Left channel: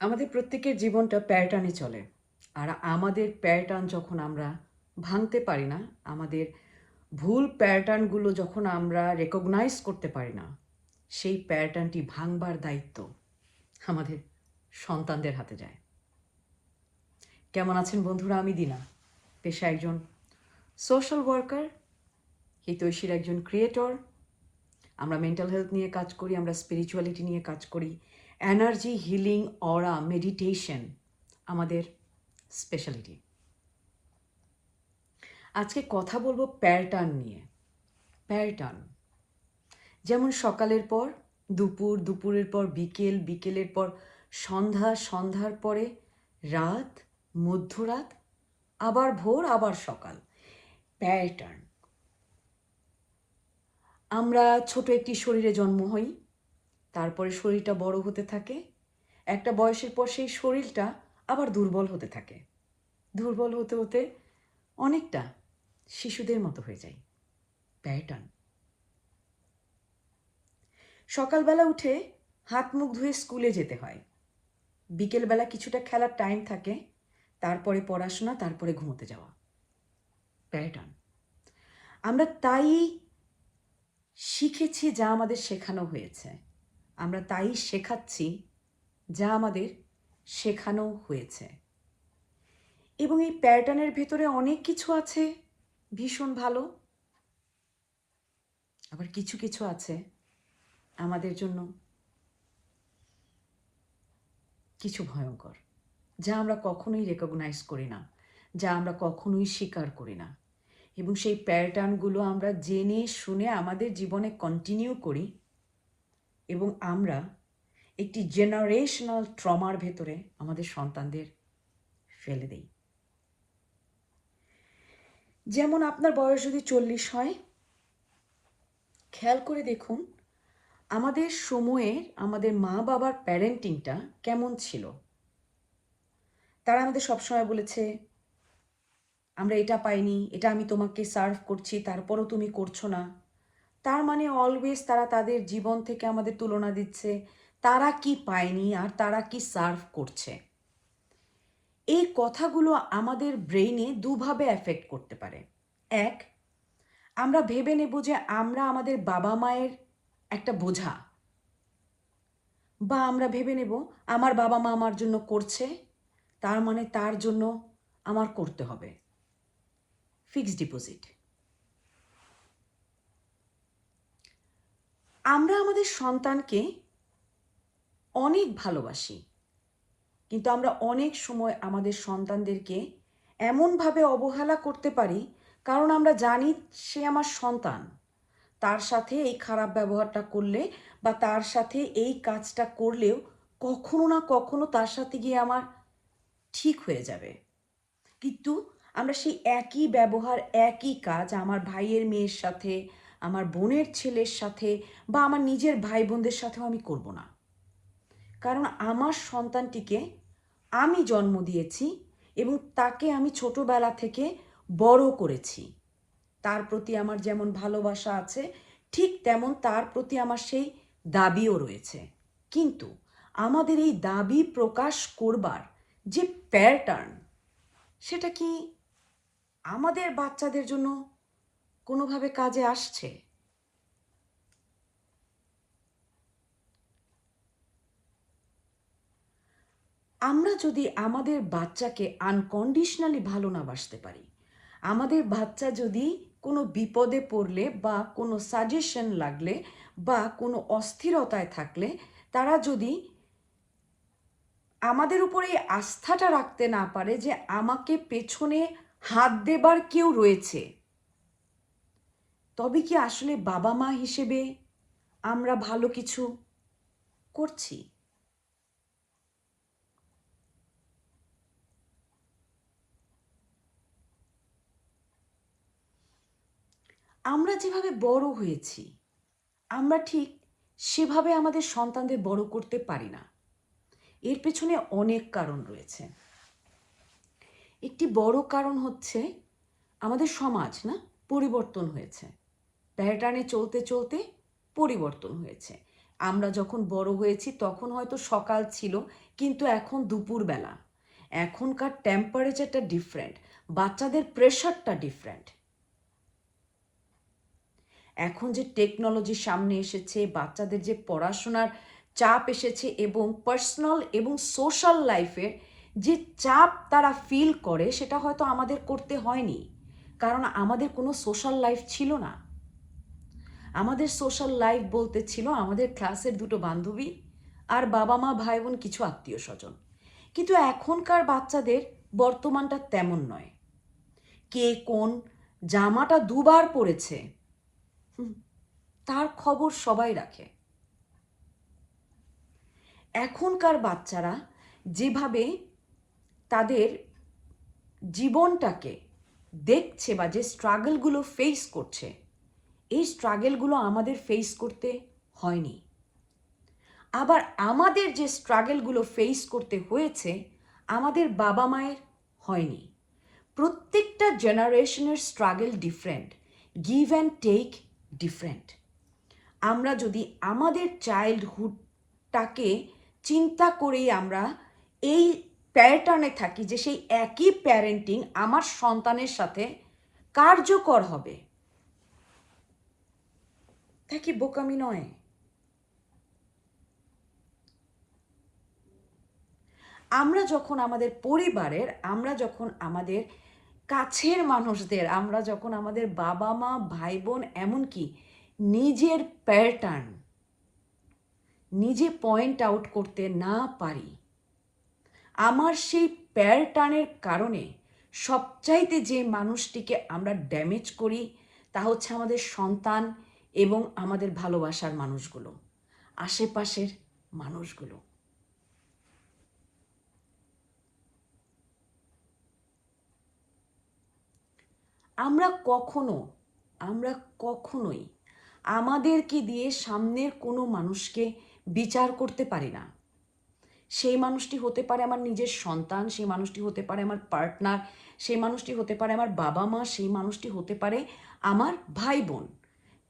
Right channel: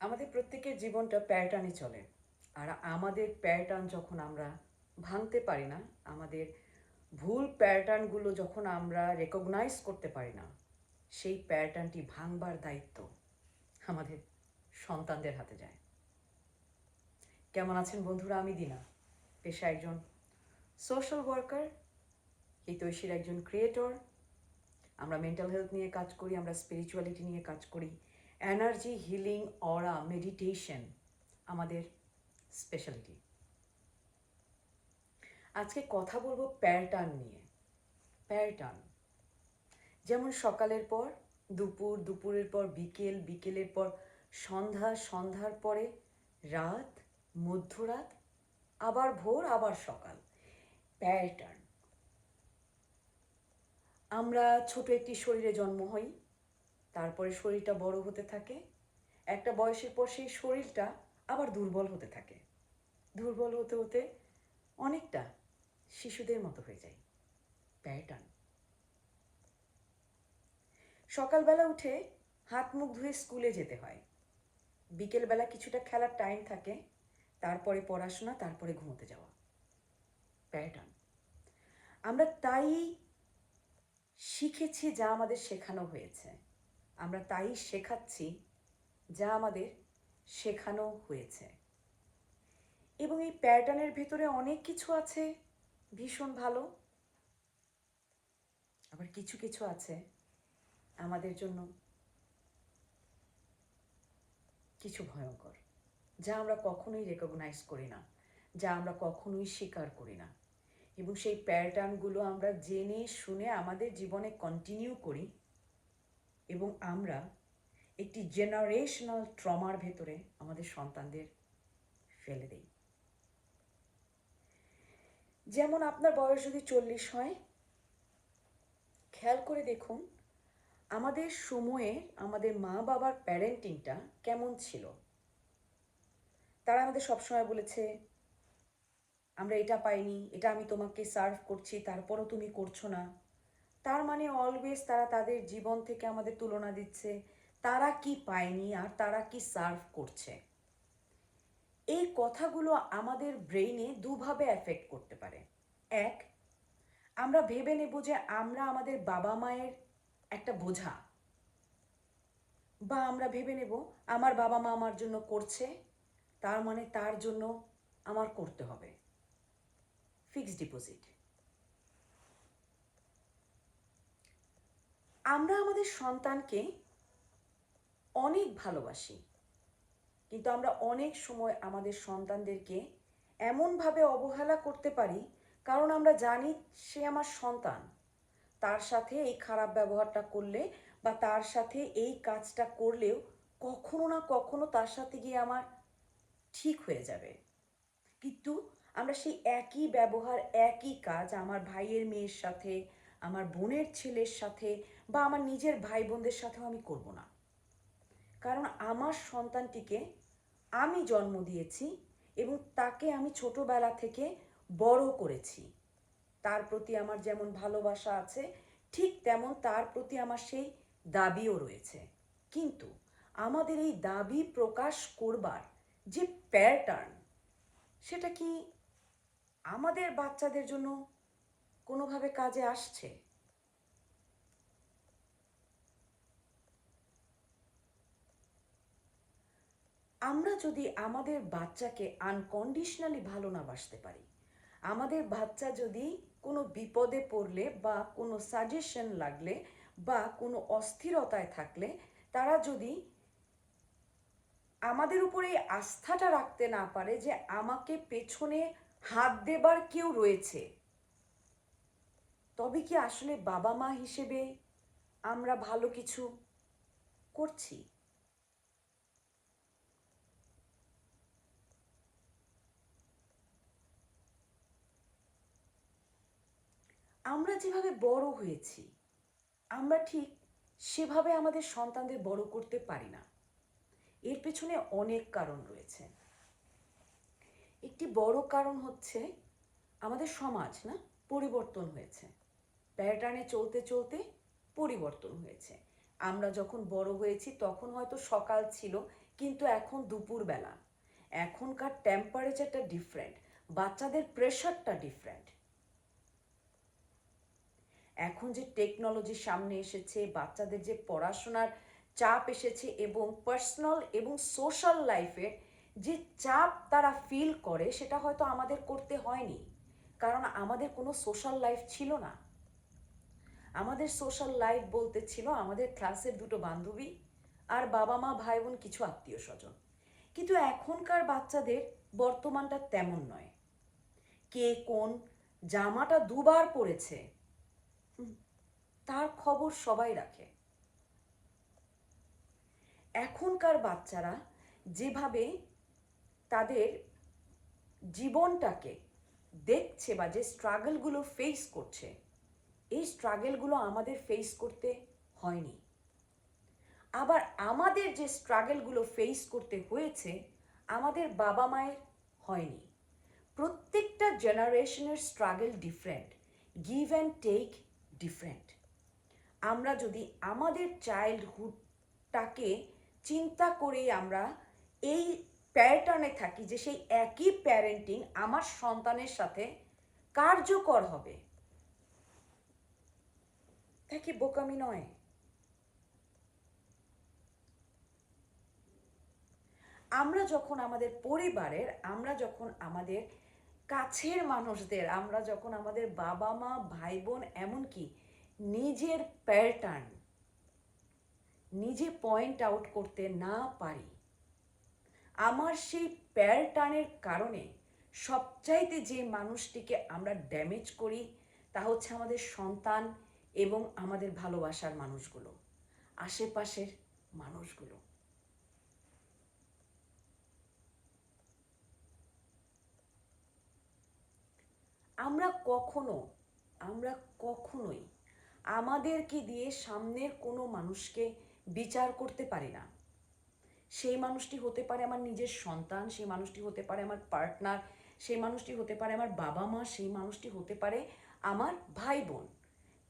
আমাদের প্রত্যেকের জীবনটা প্যাটার্নে চলে। আর আমাদের প্যাটার্ন যখন আমরা ভাঙতে পারি না, আমাদের ভুল প্যাটার্নগুলো যখন আমরা রেকগনাইজ করতে পারি না, সেই প্যাটার্নটি ভাঙবার দায়িত্ব আমাদের সন্তানদের হাতে যায়। কেমন আছেন বন্ধুরা? আমি দিনা, পেশা একজন সোশ্যাল ওয়ার্কার, হিতৈষীর একজন ক্রিয়েটর। আমরা মেন্টাল হেলথ নিয়ে কাজ করি, আমরা স্পিরিচুয়ালিটি নিয়ে কাজ করি, এনার্জি হিলিং, অরা, মেডিটেশন আমাদের স্পেশালিটি। আজকে কথা বলবো প্যাটার্ন নিয়ে। প্যাটার্ন যেমন সকালের পর দুপুর, দুপুরের পর বিকেল, বিকেলের পর সন্ধ্যা, সন্ধ্যার পরে রাত, মধ্যরাত, আবার ভোর, আবার সকাল। প্যাটার্ন। আমরা ছোট একটি শরীরে জন্ম হই, তারপরে শরীরটা বড় হতে থাকে, একটা বয়সের পর সেই শরীরটা আবার দুর্বল হতে থাকে, দুর্বল হতে হতে অনেকটা শিশুদের মতো হয়ে যায়। প্যাটার্ন। সকালবেলা উঠে হাত মুখ ধুয়ে স্কুলে যেতে হয়, বিকেলবেলা কিছুটা খেলার টাইম থাকে, তারপরে পড়াশোনা, তারপরে ঘুমোতে যাওয়া। প্যাটার্ন। আমরা তাই শিখেছি যা আমাদের শেখানো হয়েছে, আমরা তাই শেখাচ্ছি যা আমাদের শেখানো হয়েছে। এবং এই প্যাটার্নের ভেতরে অনেক কিছু আছে ভীষণ ভালো, আবার কিছু কিছু আছে আমাদের জন্য কিছু ভয়ঙ্কর, যা আমরা কখনোই রেকগনাইজ করি না, যা আমরা কখনোই স্বীকার করি না। এবং সেই প্যাটার্নগুলো আমরা জেনে শুনে আমাদের জীবনে কন্টিনিউ করি এবং আমরা একটি জেনারেশনাল ট্রমার ভেতরে আমাদের সন্তানদের ফেলে দেই। যেমন আপনার বয়স যদি 40 হয়, খেয়াল করে দেখুন আমাদের সময়ের আমাদের মা বাবার প্যারেন্টিংটা কেমন ছিল। তারা আমাদের সবসময় বলেছে, আমরা এটা পাইনি, এটা আমি তোমাকে সার্ভ করছি, তারপরও তুমি করছো না। তার মানে অলওয়েজ তারা তাদের জীবন থেকে আমাদের তুলনা দিচ্ছে, তারা কি পায়নি আর তারা কি সার্ভ করছে। এই কথাগুলো আমাদের ব্রেইনে দুভাবে এফেক্ট করতে পারে। এক, আমরা ভেবে নেব যে আমরা আমাদের বাবা মায়ের একটা বোঝা, বা আমরা ভেবে নেব আমার বাবা মা আমার জন্য করছে, তার মানে তার জন্য আমার করতে হবে। Fixed deposit. আমরা আমাদের সন্তানকে অনেক ভালোবাসি, কিন্তু আমরা অনেক সময় আমাদের সন্তানদেরকে এমনভাবে অবহেলা করতে পারি, কারণ আমরা জানি সে আমার সন্তান, তার সাথে এই খারাপ ব্যবহারটা করলে বা তার সাথে এই কাজটা করলেও কখনো না কখনো তার সাথে গিয়ে আমার ঠিক হয়ে যাবে। কিন্তু আমরা সেই একই ব্যবহার, একই কাজ আমার ভাইয়ের মেয়ের সাথে, আমার বোনের ছেলের সাথে বা আমার নিজের ভাই বোনদের সাথেও আমি করব না। কারণ আমার সন্তানটিকে আমি জন্ম দিয়েছি এবং তাকে আমি ছোটবেলা থেকে বড় করেছি। তার প্রতি আমার যেমন ভালোবাসা আছে, ঠিক তেমন তার প্রতি আমার সেই দাবিও রয়েছে। কিন্তু আমাদের এই দাবি প্রকাশ করবার যে প্যাটার্ন, সেটা কি আমাদের বাচ্চাদের জন্য কোনোভাবে কাজে আসছে? আমরা যদি আমাদের বাচ্চাকে আনকন্ডিশনালি ভালো না বাসতে পারি, আমাদের বাচ্চা যদি কোনো বিপদে পড়লে বা কোনো সাজেশন লাগলে বা কোনো অস্থিরতায় থাকলে তারা যদি আমাদের উপরে এই আস্থাটা রাখতে না পারে যে আমাকে পেছনে হাত দেবার কেউ রয়েছে, তবে কি আসলে বাবা মা হিসেবে আমরা ভালো কিছু করছি? আমরা যেভাবে বড় হয়েছি, আমরা ঠিক সেভাবে আমাদের সন্তানদের বড় করতে পারি না। এর পেছনে অনেক কারণ রয়েছে। একটি বড় কারণ হচ্ছে আমাদের সমাজ না পরিবর্তন হয়েছে, প্যাটার্নে চলতে চলতে পরিবর্তন হয়েছে। আমরা যখন বড় হয়েছি তখন হয়তো সকাল ছিল, কিন্তু এখন দুপুরবেলা। এখনকার টেম্পারেচারটা ডিফারেন্ট, বাচ্চাদের প্রেশারটা ডিফারেন্ট। এখন যে টেকনোলজি সামনে এসেছে, বাচ্চাদের যে পড়াশোনার চাপ এসেছে এবং পার্সোনাল এবং সোশ্যাল লাইফের যে চাপ তারা ফিল করে, সেটা হয়তো আমাদের করতে হয়নি, কারণ আমাদের কোনো সোশ্যাল লাইফ ছিল না। আমাদের সোশ্যাল লাইফ বলতে ছিল আমাদের ক্লাসের দুটো বান্ধবী আর বাবা মা ভাই বোন কিছু আত্মীয় স্বজন। কিন্তু এখনকার বাচ্চাদের বর্তমানটা তেমন নয়। কে কোন জামাটা দুবার পরেছে তার খবর সবাই রাখে। এখনকার বাচ্চারা যেভাবে তাদের জীবনটাকে দেখছে বা যে স্ট্রাগলগুলো ফেস করছে, এই স্ট্রাগলগুলো আমাদের ফেস করতে হয়নি। আবার আমাদের যে স্ট্রাগলগুলো ফেস করতে হয়েছে, আমাদের বাবা মায়ের হয়নি। প্রত্যেকটা জেনারেশনের struggle different, give and take different. আমরা যদি আমাদের চাইল্ডহুডটাকে চিন্তা করেই আমরা এই প্যাটার্নে থাকি যে সেই একই প্যারেন্টিং আমার সন্তানের সাথে কার্যকর হবে, তা কি বোকামি নয়? আমরা যখন আমাদের পরিবারের, আমরা যখন আমাদের কাছের মানুষদের, আমরা যখন আমাদের বাবা মা ভাই বোন এমনকি নিজের প্যাটার্ন নিজে পয়েন্ট আউট করতে না পারি, আমার সেই প্যাটার্নের কারণে সবচাইতে যে মানুষটিকে আমরা ড্যামেজ করি তা হচ্ছে আমাদের সন্তান এবং আমাদের ভালোবাসার মানুষগুলো, আশেপাশের মানুষগুলো। আমরা কখনোই আমাদেরকে দিয়ে সামনের কোনো মানুষকে বিচার করতে পারি না। সেই মানুষটি হতে পারে আমার নিজের সন্তান, সেই মানুষটি হতে পারে আমার পার্টনার, সেই মানুষটি হতে পারে আমার বাবা মা, সেই মানুষটি হতে পারে আমার ভাই বোন।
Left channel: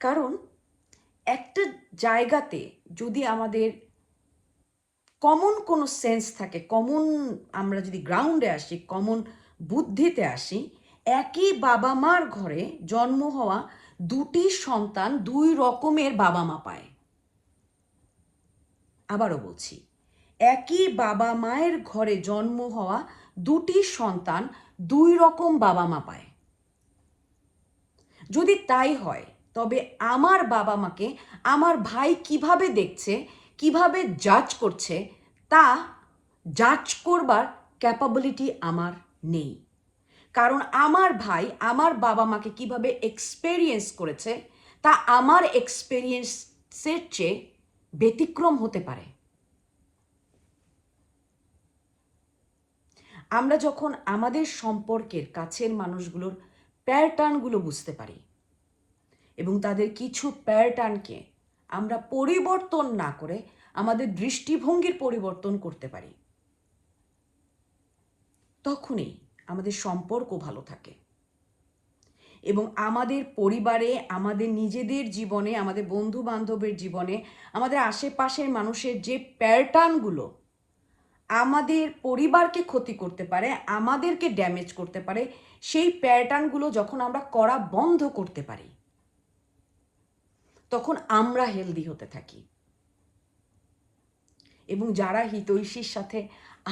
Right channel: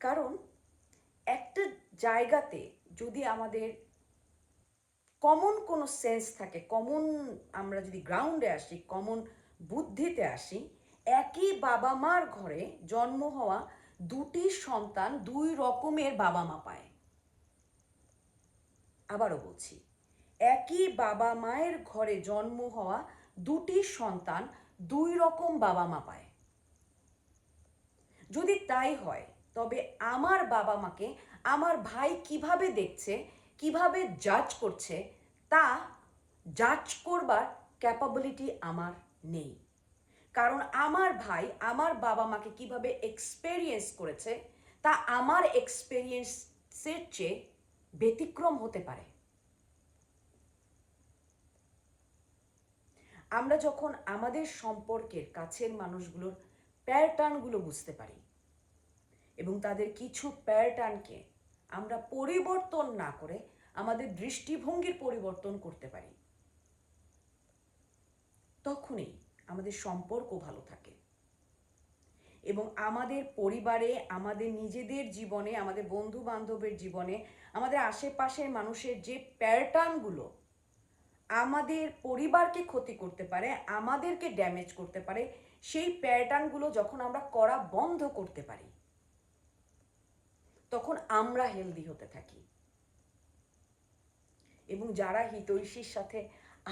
কারণ একটা জায়গাতে যদি আমাদের কমন কোনো সেন্স থাকে, কমন, আমরা যদি গ্রাউন্ডে আসি, কমন বুদ্ধিতে আসি, একই বাবা মার ঘরে জন্ম হওয়া দুটি সন্তান দুই রকমের বাবা মা পায়। আবারও বলছি, একই বাবা মায়ের ঘরে জন্ম হওয়া দুটি সন্তান দুই রকম বাবা মা পায়। যদি তাই হয়, তবে আমার বাবা মাকে আমার ভাই কিভাবে দেখছে, কিভাবে জাজ করছে, তা জাজ করবার ক্যাপাবিলিটি আমার নেই। কারণ আমার ভাই আমার বাবা মাকে কিভাবে এক্সপেরিয়েন্স করেছে, তা আমার এক্সপেরিয়েন্সের চেয়ে ব্যতিক্রম হতে পারে। আমরা যখন আমাদের সম্পর্কের কাছের মানুষগুলোর প্যাটার্নগুলো বুঝতে পারি এবং তাদের কিছু প্যাটার্নকে আমরা পরিবর্তন না করে আমাদের দৃষ্টিভঙ্গির পরিবর্তন করতে পারি, তখনই আমাদের সম্পর্ক ভালো থাকে এবং আমাদের পরিবারে, আমাদের নিজেদের জীবনে, আমাদের বন্ধু বান্ধবের জীবনে, আমাদের আশেপাশের মানুষের যে প্যাটার্নগুলো আমাদের পরিবারকে ক্ষতি করতে পারে, আমাদেরকে ড্যামেজ করতে পারে, সেই প্যাটার্নগুলো যখন আমরা করা বন্ধ করতে পারি, তখন আমরা হেলদি হতে থাকি। এবং যারা হিতৈষীর সাথে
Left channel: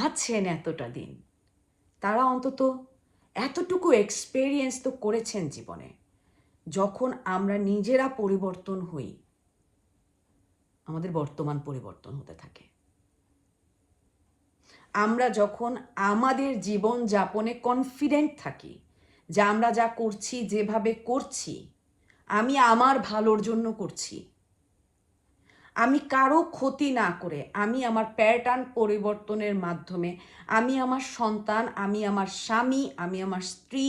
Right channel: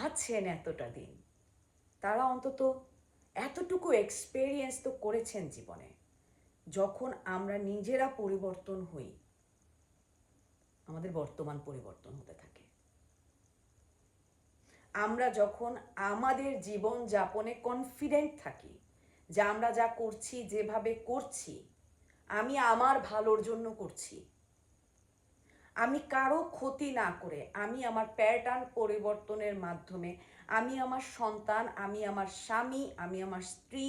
আছেন এতটা দিন, তারা অন্তত এতটুকু এক্সপেরিয়েন্স তো করেছেন জীবনে, যখন আমরা নিজেরা পরিবর্তন হই, আমাদের বর্তমান পরিবর্তন হতে থাকে। আমরা যখন আমাদের জীবন যাপনে কনফিডেন্ট থাকি যে আমরা যা করছি, যেভাবে করছি, আমি আমার ভালোর জন্য করছি, আমি কারো ক্ষতি না করে, আমি আমার প্যাটার্ন পরিবর্তনের মাধ্যমে আমি আমার সন্তান, আমি আমার স্বামী, আমি আমার স্ত্রী,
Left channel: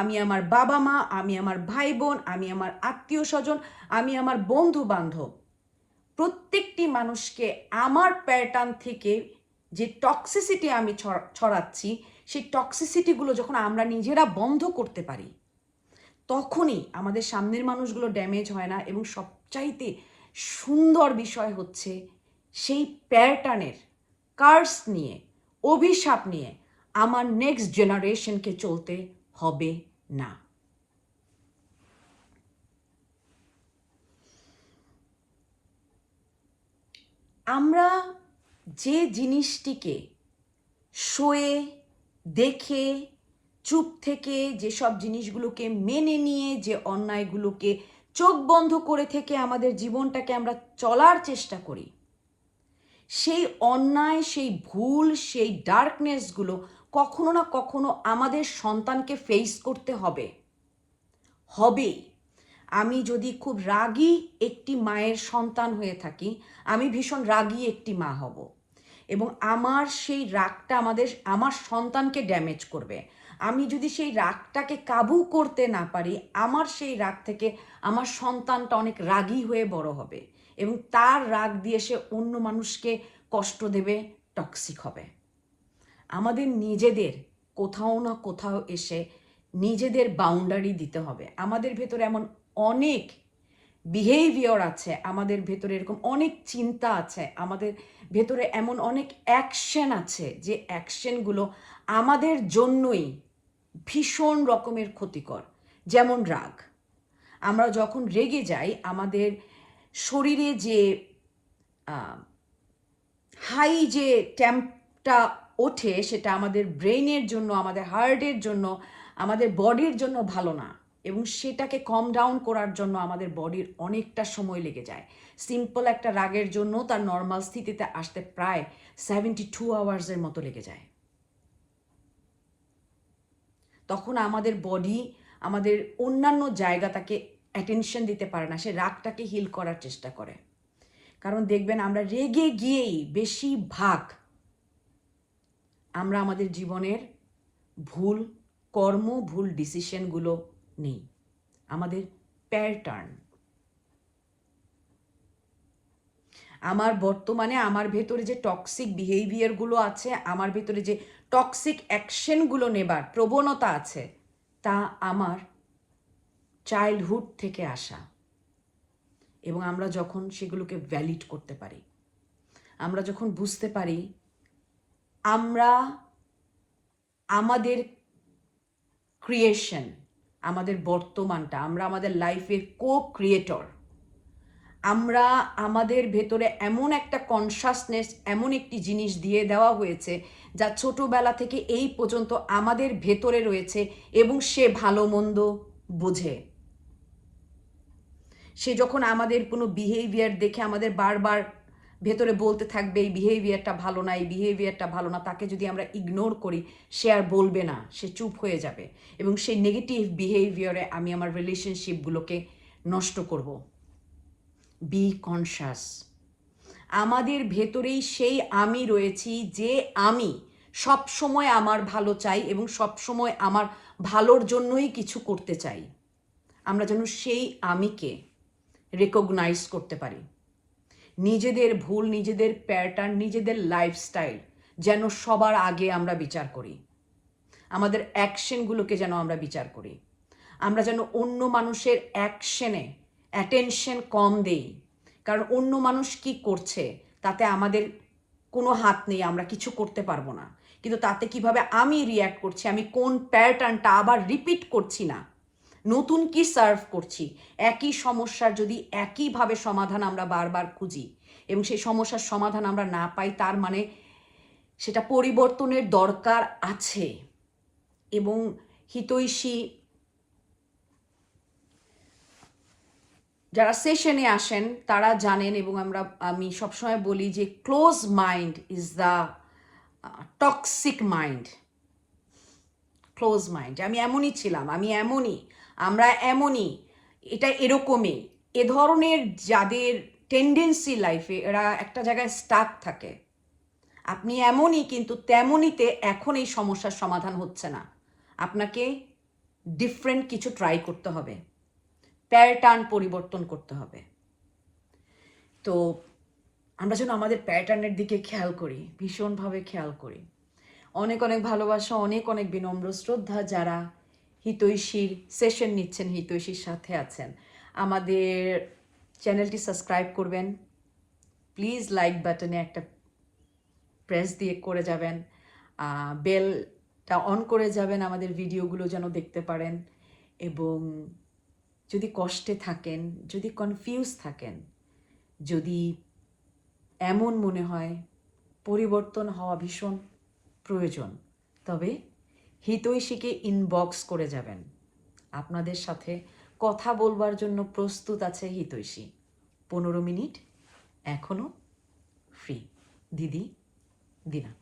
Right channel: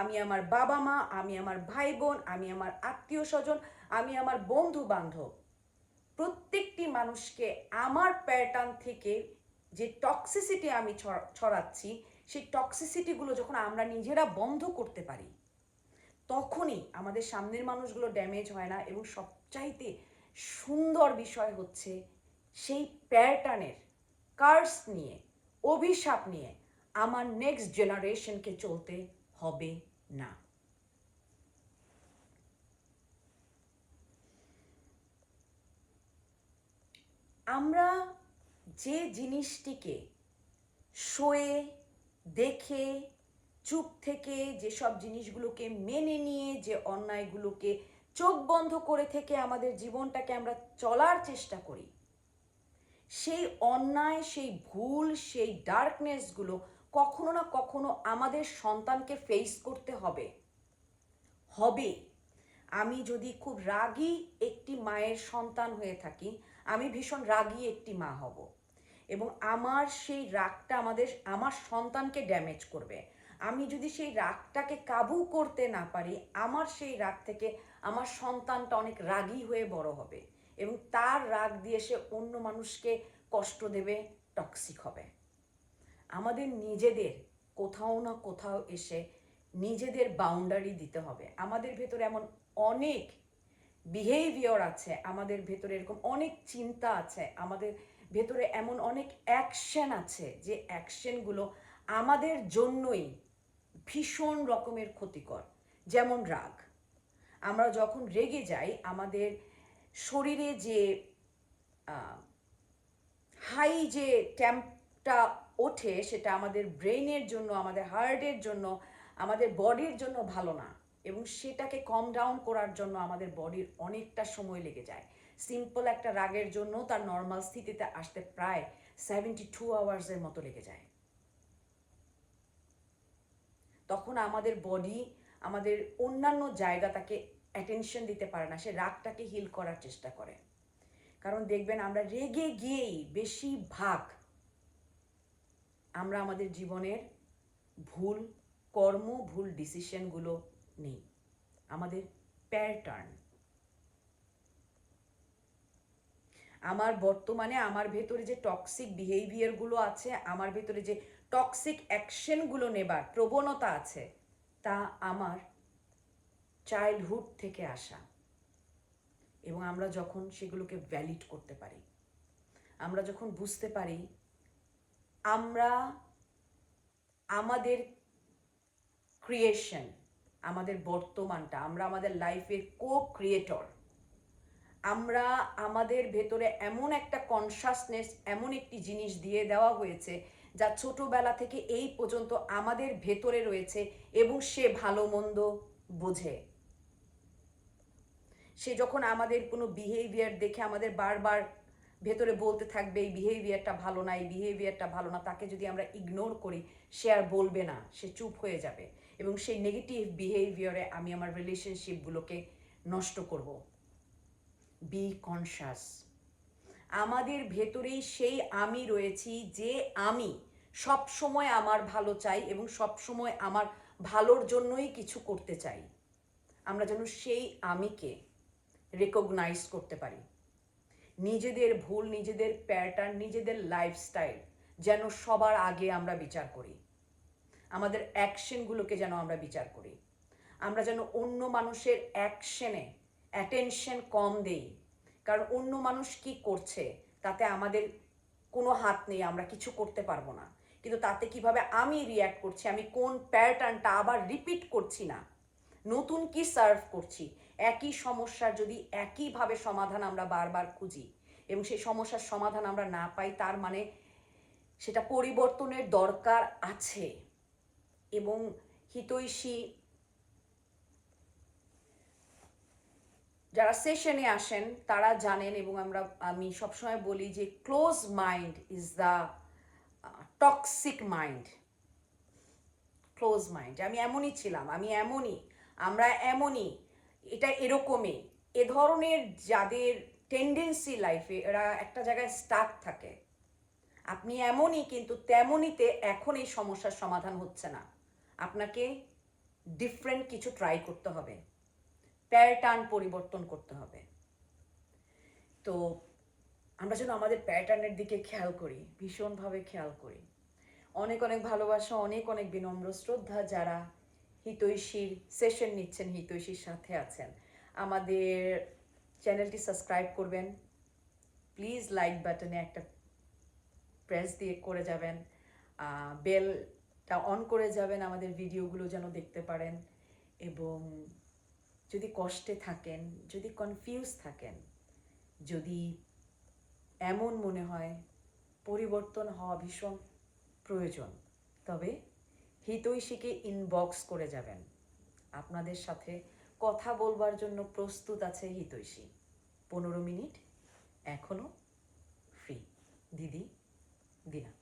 আমি আমার বাবা মা, আমি আমার ভাই বোন, আমি আমার আত্মীয় স্বজন, আমি আমার বন্ধু বান্ধব, প্রত্যেকটি মানুষকে আমার প্যাটার্ন থেকে যে টক্সিসিটি আমি ছড়াচ্ছি, সেই টক্সিসিটিগুলো যখন আমরা নিজেরা বন্ধ করতে পারি, তখনই আমাদের সামনের মানুষগুলো ড্যামেজ হয় না এবং সবচাইতে সুন্দর বিষয় হচ্ছে সেই প্যাটার্নের কার্স নিয়ে, অভিশাপ নিয়ে আমার নেক্সট জেনারেশনকে চলতে হবে না। আমরা যে জিনিসটিকে শোয়ে দেখে চুপ থেকে যেসব জিনিসগুলোকে মেনে নিয়ে যে অন্যায়গুলোকে চোখ বন্ধ করে থেকে আমাদের জীবনটাকে আমরা চলার চেষ্টা করি, সেই অন্যায়, সেই ভুল, সেই ডার্কনেসগুলো কখনো না কখনো আমাদের সন্তানকে ফেস করতে হবে। আমি যদি খুব রাগী একটি মায়ের সন্তান হয়ে থাকি, আমি ভীষণ রাগী একটি মা হব, এবং আমার সেই রাগটা আমার সন্তানকে ড্যামেজ করবে। আমি যদি সেই রাগটাকে কাবু করতে না পারি, আমার সেই রাগ থেকে আমার সন্তানটা অনেক রাগী হয়ে বড় হবে, এবং তার রাগ দিয়ে সে অন্য মানুষকে কষ্ট দেবে, টক্সিক হবে। আমাদের নিজেদের কোথাও না কোথাও এসে নিজেদের বাউন্ডারি দিতে হবে। আমাদের ভেতরে এমন অনেক বিহেভিয়ার আছে, আমাদের ভেতরে এরকম অনেক চিন্তা আছে, আমাদের ভেতরে এমন অনেক অ্যাকশন আছে, যে অ্যাকশনগুলো আমাদের জন্যই ভীষণ রকমের ক্ষতিকর। যেমন রাগ। আমরা যখন রেগে যাই, আমাদের শরীরে যে হাই যে টেম্পটা ওঠে, সেটা আমাদের ব্রেইনের জন্য, আমাদের হার্টের জন্য, আমাদের বডির জন্য ভালো না, এবং সেটাকে কম ডাউন করার জন্য আমাদের বডির অনেকটা সময় লেগে যায়। সিম্পল একটা রাগের জন্য তার নর্মাল স্থিতিতে আসতে প্রায় 72 আওয়ার্সের মতো লেগে যায়। তখন আমাদের বডি আমাদের অন্যান্য জায়গা তাকে অ্যাটেনশন দিতে পারে না, সে রাগটাকে হিল করার চেষ্টা করে। কারণ দেখবেন, আমরা রেগে গিয়েই বেশিরভাগ আমরা আমাদের জীবনের ভুল কর্ম, ভুল ডিসিশনগুলো নিই। আমাদের প্যাটার্ন, বর্তমানে আমার ভেতরে যে টক্সিক বিহেভিয়ারগুলো আছে, আমার ভেতরে যে টক্সিক অ্যাকশনগুলো নেবার প্রবণতা আছে, তা আমার চাইল্ডহুড থেকে আসা। এবং আমরা যখন সেগুলোকে ভ্যালিড করতে পারি, আমরা যখন বুঝতে পারি আমরা আমাদের ক্রিয়েশন, আমাদের বর্তমানটা, আমরা আমাদের লাইফের ক্রিয়েটর, আমরা আমাদের ভেতরে এমন একটা কনসাসনেস, এমন একটি জিনিস দিয়ে দেওয়া হয়েছে যা ছোটবেলা থেকে এই পর্যন্ত আমাদের ভেতরে রয়েছে, এবং সে ভালো মন্দ বোঝে। সে যখন আমাদের কোনো বিহেভিয়ার দেখে আমাদের বারবার ভেতরে বলতে থাকবে এই বিহেভিয়ারটা ভালো না, এই বিহেভিয়ারটা ভালো না, তাকে যদি আমরা ইগনোর করি, সে আর বলবে না, সে চুপ হয়ে যাবে, এবং সেই নেগেটিভ বিহেভিয়ারে আমি আমার রিলেশনশিপগুলোকে নষ্ট করব। Be conscious. আমাদের ভেতরেই সেই আমি রয়েছি, যে আমি সব সময় আমার ভালো চাই এবং সব সময় আমার ভালোর জন্যই কিছু করতে চাই। আমরা যেন সেই আমিকে রেকগনাইজ করতে পারি। নিজেদের ভুল, নিজেদের প্যাটার্ন, নিজেদের লাইফস্টাইল যেন সবার আগে আমরা বিচার করি। আমাদের অ্যাকশনগুলোকে যেন আমরা বিচার করি। আমরা যেন অন্য মানুষের অ্যাকশনে অ্যাটেনশন কম দেই, কারণ অন্য মানুষ কি করছে তাতে আমাদের কোনো হাত নেই, আমরা কিছু করতে পারবো না। কিন্তু তাতে কিভাবে আমি রিয়্যাক্ট করছি, আমি কোন প্যাটার্নটা আবার রিপিট করছি না, নতুন কি সার্ভ করছি, একই সমস্যার যদি একইভাবে সমাধান আমরা বারবার খুঁজি এবং সেই সমস্যার সমাধান আমরা না পাই, তার মানে সেটা পরিবর্তনের দরকার আছে। এবং হিতৈষী যারা সেশনে আসেন তারা জানেন, এবং আমি সবসময় বলি যে close mind is the toxic mind. Close mind, আমি এমনই ছিলাম, আমি এমনই, আমরা এমনই, এটা এরকমই, এ ধরনের যাদের টেন্ডেন্সি লাইফে, এরা একটা জায়গায় স্টাক থাকে। আপনি এমনই, কিন্তু তেমনইতে এখন এই সমস্যার সমাধান হচ্ছে না, আপনাকে ডিফারেন্ট কিছু ট্রাই করতে হবে, প্যাটার্ন পরিবর্তন করতে হবে। তো আমরা যেন আমাদের প্যাটার্নের দিকে খেয়াল করি, ভীষণভাবে খেয়াল করি। অনেক অনেক ভালোবাসা, অনেক অনেক বিনম্র শ্রদ্ধা যারা হিতৈষীর সেশন নিচ্ছেন, হিতৈষীর সাথে আছেন। আমাদের চ্যানেলটি সাবস্ক্রাইব করবেন, প্লিজ লাইক বাটনে একটা প্রেস দিয়ে করে যাবেন, বেলটা অন করে যাবেন আমাদের ভিডিওগুলো যেন দেখতে পারেন। এবং যদি কষ্টে থাকেন, যদি কনফিউজ থাকেন, যদি এমন মনে হয় পরিবর্তন হওয়া ভীষণ প্রয়োজন, তবে হিতৈষীকে ইনবক্স করে যাবেন। আপনাদের সাথে কথা বলবার জন্য প্রস্তুত আছে হিতৈষী। 15 মিনিট এখনও ফ্রি। দিদি, দিনা।